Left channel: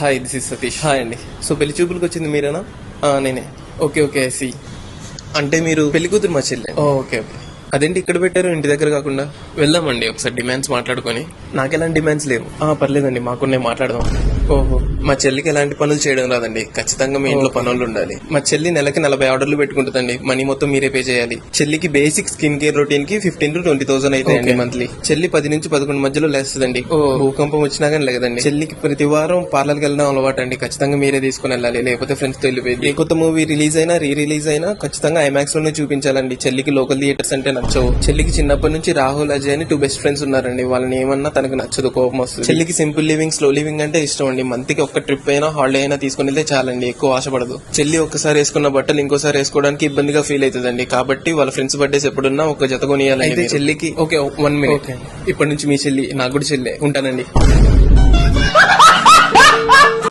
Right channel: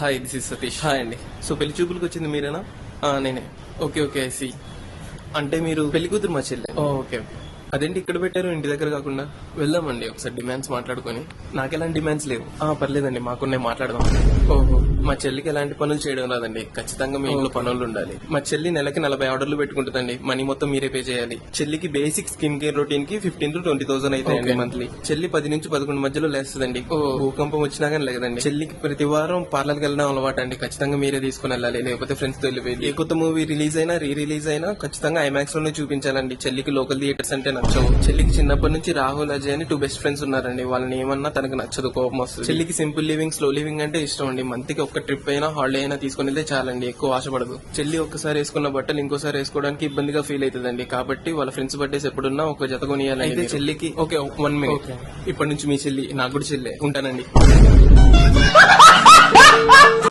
Hi this is Satish. Hi అండి. So పెళ్లి చూపులకు వచ్చింది మీరేనా? నేనే. ఓకే ఓకే సి. అంటే మీరు పెళ్లి కూతురు మా చెల్లి. Okay okay. అదేంటి ఇక్కడ పెట్టారు ఇంటి దగ్గర కాకుండా? వెళ్దామండి ఒకసారి డిమాండ్స్ మాట్లాడుకొని. నాకు ఎలాంటి డిమాండ్స్ లేవు. పర్లేదండి, మాకు నేను మాట్లాడదాం. ఓహో, మా చెల్లికి ఎలాంటి పనులు చేయడం రాదండి. ఖచ్చితంగా మీ ఇంట్లో పనులు ఉండాలి. మా చెల్లి నెలకి 40 ఆర్డర్లు పెట్టుకుంటుందండి. మనీ మొత్తం మీరే పే చేయాలి. చెల్లికి బేసిక్ స్కిన్ కేర్ రొటీన్ కి 15,000 to 20,000 అవుతాయండి మంత్లీ. చెల్లి 10 నుంచి 11 మధ్యలో లేస్తుందండి. భూకంపం వచ్చినా కానీ లేదండి. చెల్లికి ప్రతి వారం పార్లర్కి వెళ్ళడం అలవాటు అండి. ఖచ్చితంగా మీరే తీసుకుని వెళ్ళాలి, లేకపోతే ఫ్రెండ్స్ తో వెళ్ళిపోయింది. ఏ కొత్త మూవీ రిలీజ్ అయినా రీ రిలీజ్ అయినా ఖచ్చితంగా ఐమాక్స్ లోనే చూపించాలండి. చెల్లికి లోకల్ థియేటర్స్ అంటే నచ్చవు. చెల్లికి చిన్నప్పటి నుంచి రాహుల్, అజయ్ అని 2 బెస్ట్ ఫ్రెండ్స్ ఉన్నారండి. వాళ్ళని ఏమన్నా తనకు నచ్చదు, కోపం వస్తుంది. చెల్లికి సింపుల్ లివింగ్, స్లో లివింగ్ అంటే ఇష్టం అండి. మంత్ కి ఒక్క ట్రిప్ అయినా హాలిడే అయినా తీసుకుని వెళ్తే చాలండి, ఎక్కువ ఆశపడదు. చెల్లి ఒక్కసారి వేసుకున్న బట్టలు ఇంకోసారి వేసుకోవడానికి ఇబ్బందిగా ఫీల్ అవుతుందండి. కాబట్టి వాళ్ళ ఫ్రెండ్స్ బర్త్డేస్ ఎప్పుడున్నా ఒక జత కొనియాలి. అయితే చెల్లికి ఓకే 1 minute. ఇప్పటి నుంచి మీ చెల్లి నాకు కూడా చెల్లె. ఉంటానండి.